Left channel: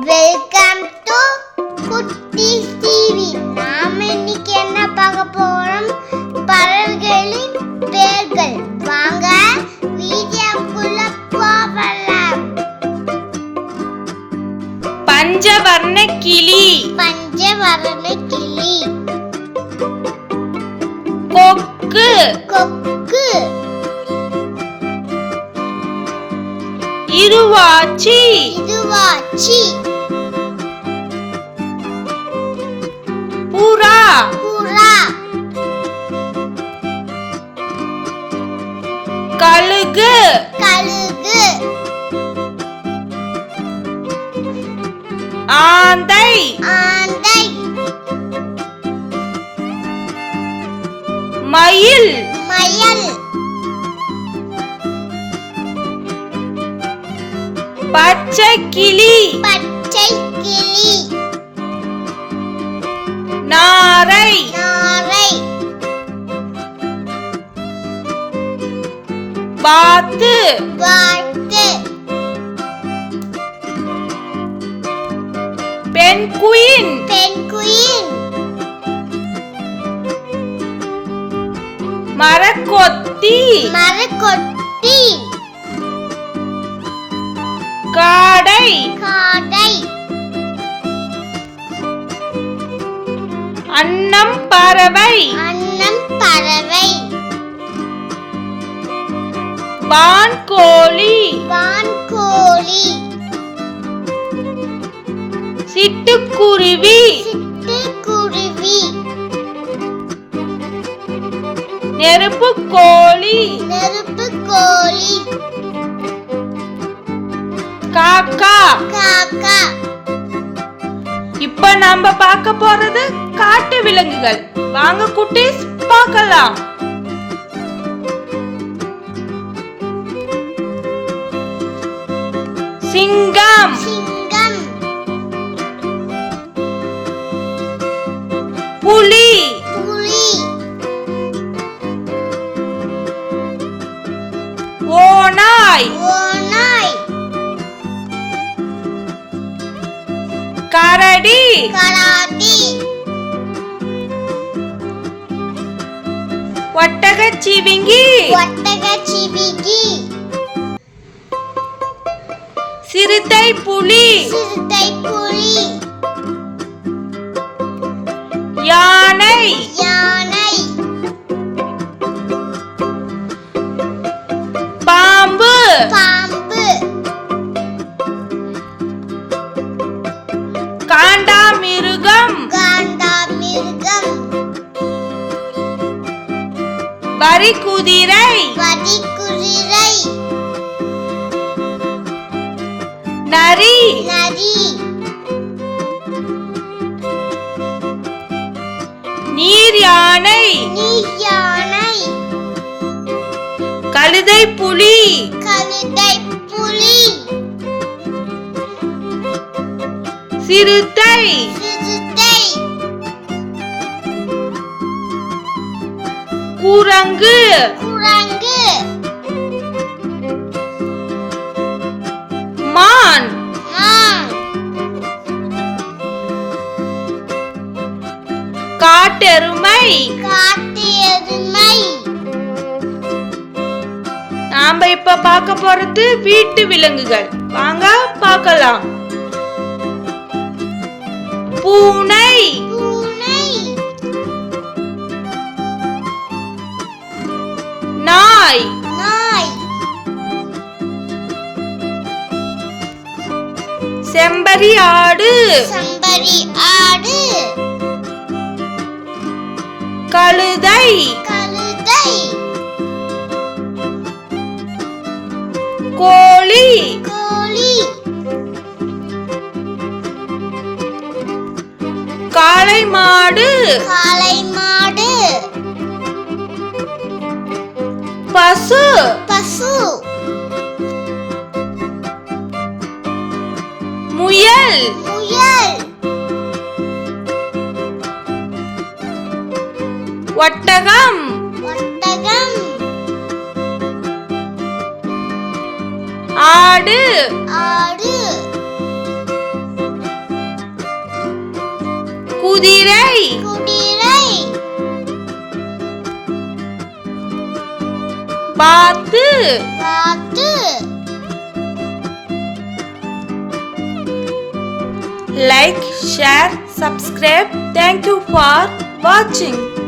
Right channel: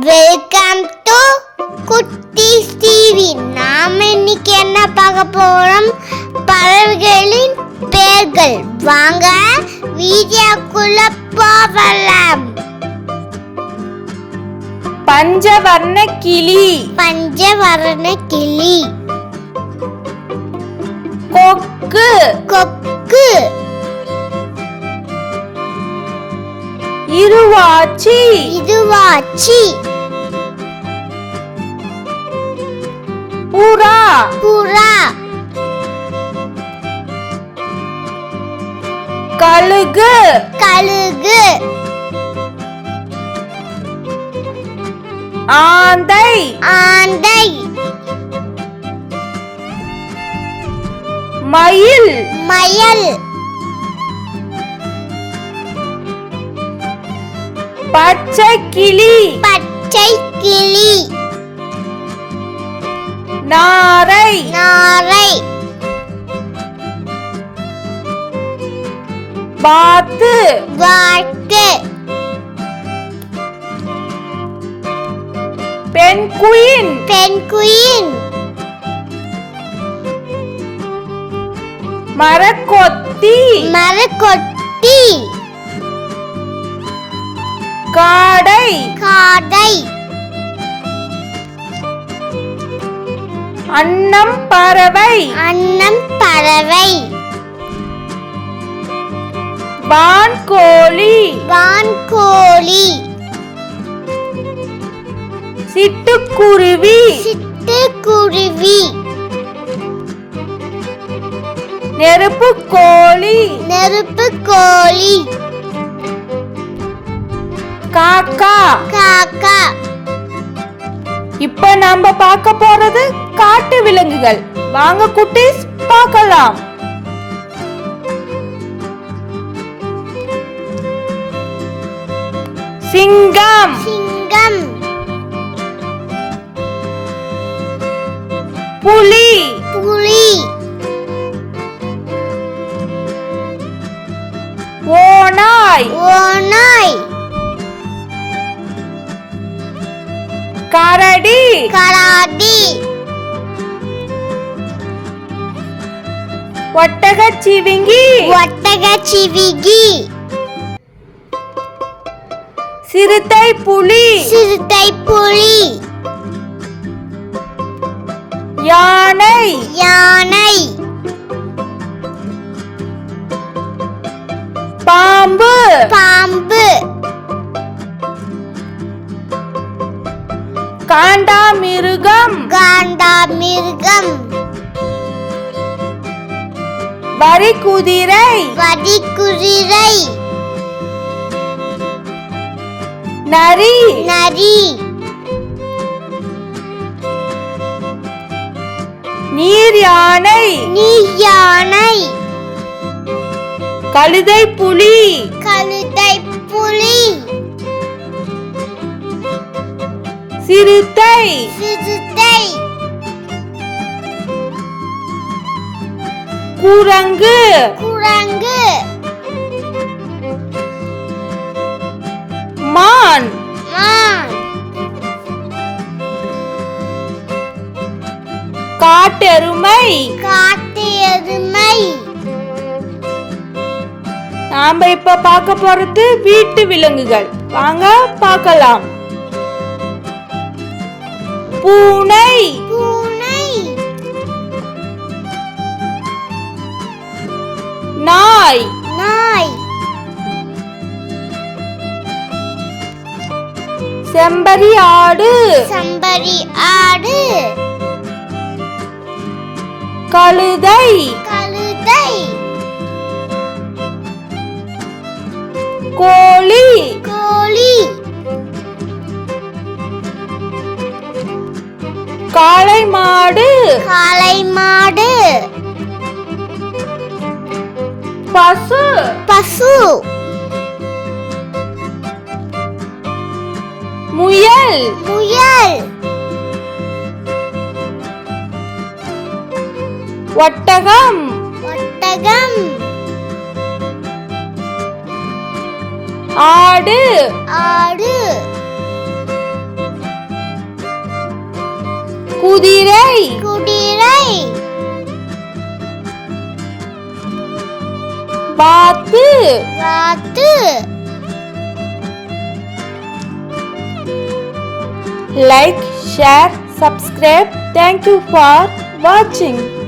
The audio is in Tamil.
வெல்கம் டு குட்டீஸ் டிவி. நாம இன்னைக்கு என்ன பார்க்க போறோம்? பறவைகளின் பெயர்கள். வாங்க வீடியோக்குள்ள போகலாம். பஞ்சவர்ண கிளி. பஞ்சவர்ண கிளி. கொக்கு. கொக்கு. இருவாச்சி. இருவாச்சி. புறா. புறா. கழுகு. கழுகு. ஆந்தை. ஆந்தை. மயில். மயில். பச்சை கிளி. பச்சை கிளி. நாரை. நாரை. வாத்து. வாத்து. பென்குயின். பென்குயின். மரக்கொத்தி. மரக்கொத்தி. காடை. காடை. அன்னம் பறவை. அன்னம் பறவை. வான்கோழி. வான்கோழி. சிட்டுக்குருவி. சிட்டுக்குருவி. நெருப்புக்கோழி. நெருப்புக்கோழி. காக்கா. காக்கா. இப்ப நாம பார்க்க போறது காட்டு விலங்குகள். வாங்க குட்டீஸ் பார்க்கலாம். சிங்கம். சிங்கம். புலி. புலி. ஓநாய். ஓநாய். கரடி. கரடி. ஒட்டகச்சிவிங்கி. ஒட்டகச்சிவிங்கி. சிறுத்தை புலி. சிறுத்தை புலி. யானை. யானை. பாம்பு. பாம்பு. காண்டாமிருகம். காண்டாமிருகம். வரிக்குதிரை. வரிக்குதிரை. நரி. நரி. நீர் யானை. நீர் யானை. கழுதை புலி. கழுதை புலி. சிறுத்தை. சிறுத்தை. குரங்கு. குரங்கு. மான். மான். காட்டெருமை. காட்டு எருமை. நாம இப்ப பார்க்க போறது வீட்டு விலங்குகள். வாங்க பார்க்கலாம். பூனை. பூனை. நாய். நாய். செம்பரி ஆடு. செம்பரி ஆடு. கழுதை. கழுதை. கோழி. கோழி. காளை மாடு. காளை மாடு. பசு. பசு. முயல். முயல். ஒட்டகம். ஒட்டகம். ஆடு. ஆடு. குதிரை. குதிரை. வாத்து. வாத்து. Like, share, subscribe. Thank you for watching.